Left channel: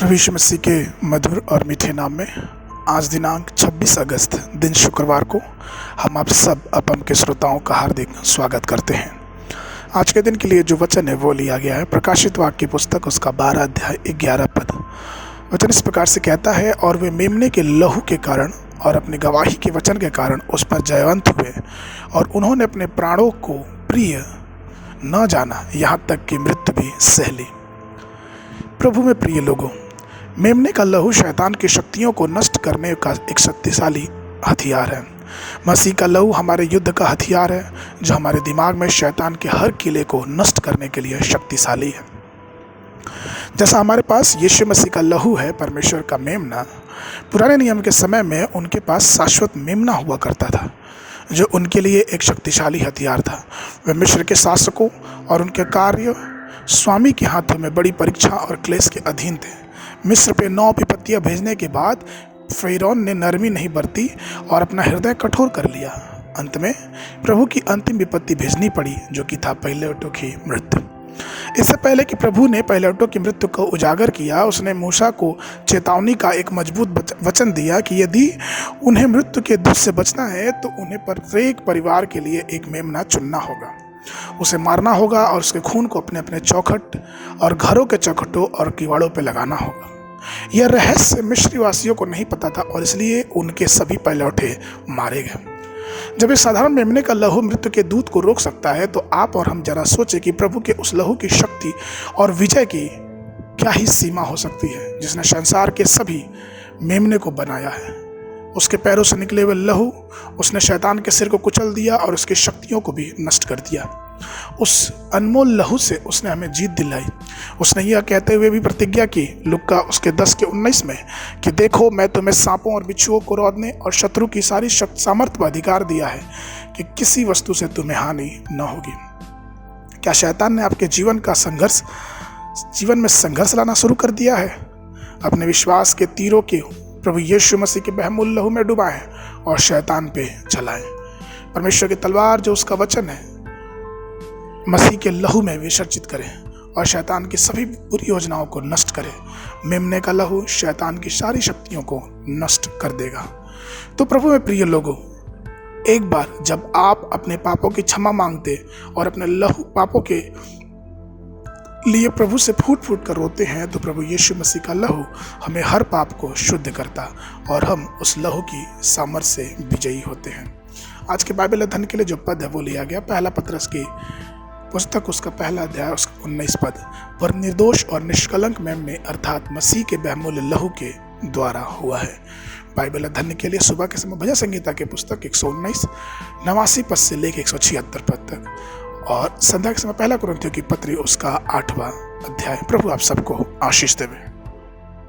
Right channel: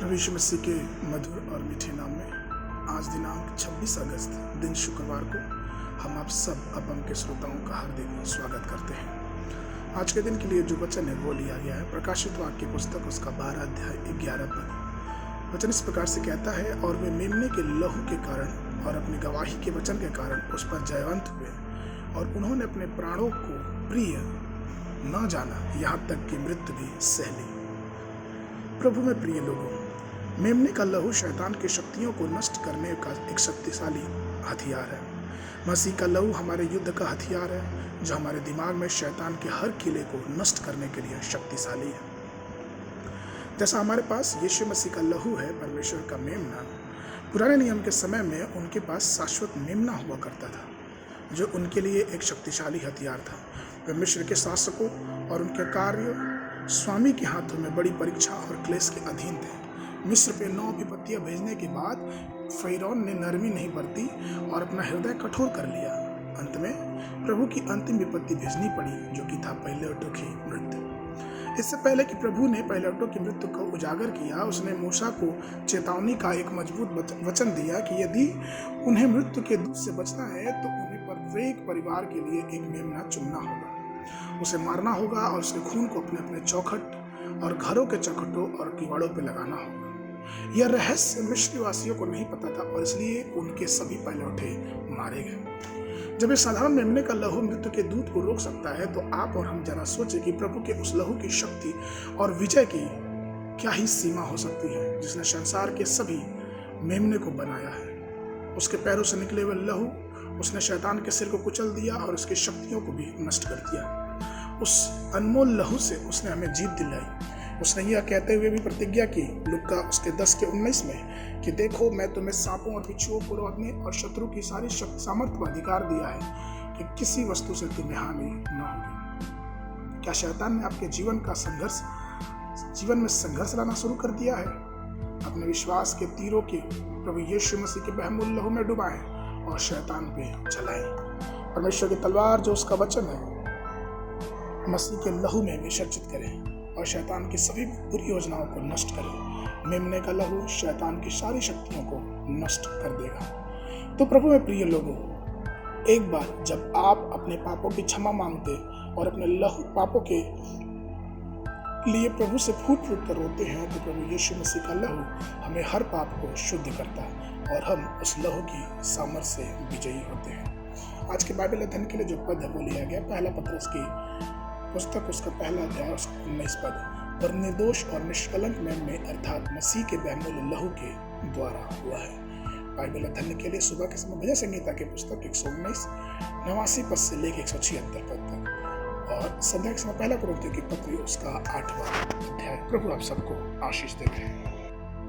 प्रभु यीशु मसीह के मधुर और मीठे नाम में आज दिनांक 26 अगस्त दिन शुक्रवार को हम आप सब अपम के श्रोताओं का हार्दिक स्वागत करते हैं। आज के दिन के लिए जो वचन है वो लिया गया है प्रकाशित वाक्य की पुस्तक उसका 12 अध्याय 11 पद। वचन इस प्रकार से कहता है, और वे मेमने के लहू के कारण और अपनी गवाही के वचन के कारण उस पर जयवंत हुए, और उन्होंने अपने प्राणों को प्रिय न जाना, यहाँ तक कि मृत्यु भी सह ली। प्रभु में प्रिय लोगों, मेमने का लहू शैतान की शक्तियों को नष्ट करने का एक शक्तिशाली हथियार है। मसीह का लहू हमारे युद्ध का हथियार है, जो हमारे दिमाग में शैतान के हर किले को नष्ट करने के लिए शक्तिशाली है। जैसा हमारे पास यीशु मसीह का लहू है, परमेश्वर का मेमना, पुराने नियम के समय में उनके पास शाश्वत मेमना हुआ करता था, जो उनके लिए एक शक्तिशाली हथियार था। वे मिस्र के शासकों और उनके कार्य स्वामी के हाथों में बड़ी परीक्षा और क्लेश के अधीन थे। मिस्र पे 9 विपत्तियां भेजने के बाद फ़िरौन ने नरमी नहीं बरती और अपना हृदय कठोर कर लिया। अंत में प्रभु की अंतिम विपत्ति भेजनी पड़ी, जो कि था पहिलौठों की मृत्यु। इससे पहले कि प्रभु ने पहिलौठों की मृत्यु को उजागर किया, उसने मूसा को चेतावनी का एक मजबूत वचन दिया कि यदि उन्हें मृत्यु के दुख से बचना है तो उन्हें प्रत्येक परिवार के लिए एक मेमना चुनना होगा, उसे मारना होगा और उसके खून को अपने अपने चौखट और घरों के चौखटों और किवाड़ों पर लगाना होगा। यह रहस्य मिस्री वासियों को नहीं पता था और इसलिए उनके सभी पहिलौठे मारे गए। जब इस साधारण मेमने का लहू मृत्यु के दूत को रोक सकता है, तो आप और हम जरा सोचे कि प्रभु के उस लहू की शक्ति और विजय की क्या ही सीमा हो सकती है, जिसने संसार के सभी मेमने को बनाया है। उसके पैरों से निकले हुए लहू उसने शैतान के सिर को कुचल दिया और उसकी शक्तियों को भी नष्ट कर दिया। उस अनमोल लहू से उसने हमें जीत दिलाई। उसने यह कहते हुए भी प्रतिज्ञा की, लुक्का उसके 10:19 में, कि देखो मैं तुम्हें सांपों और बिच्छुओं को रौंदने और शत्रु की सारी शक्ति सामर्थ्य पर अधिकार दिया है कि किसी वस्तु से तुम्हें हानि न होगी। क्या शैतान ने आपके जीवन में संघर्ष लाना शुरू कर दिया है? अपने विश्वास के तीरों के प्रभु यीशु मसीह के बहुमूल लहू में डुबाएं और शैतान पे चलाएं। परमेश्वर की तलवार जो उसका वचन है, मसीह के लहू में विसर्जित करें और शैतान की सभी बुरी योजनाओं को नष्ट करें। मेमने का लहू शैतान की सारी शक्तियों को नष्ट कर देगा। तो प्रभु में प्रिय लोगों, एक बार जब आप अपने पापों की क्षमा मांगते और अपने लहू पापों के लिए प्रभु से फूट फूट कर रोते हैं, तो प्रभु यीशु मसीह का लहू हमें हर पाप को शुद्ध करता और हम उस लहू की सामर्थ्य से विजयी होते हैं। आज के बाइबल अध्ययन के लिए जो पद है वो लिया गया पहला पत्रस की पुस्तक उसका 1 अध्याय उसका 19 पद। पर निर्दोष और निष्कलंक मेमने अर्थात मसीह के बहुमूल्य लहू के द्वारा हुआ है। बाइबल अध्ययन के लिए सुबह के समय भजन संगीता की पुस्तक 119 89 पद से लेकर 176 पद तक, और संध्या के समय 1 कुरिन्थियों की पत्री उसका 8वां अध्याय। प्रभु आप सबको आशीष देवे।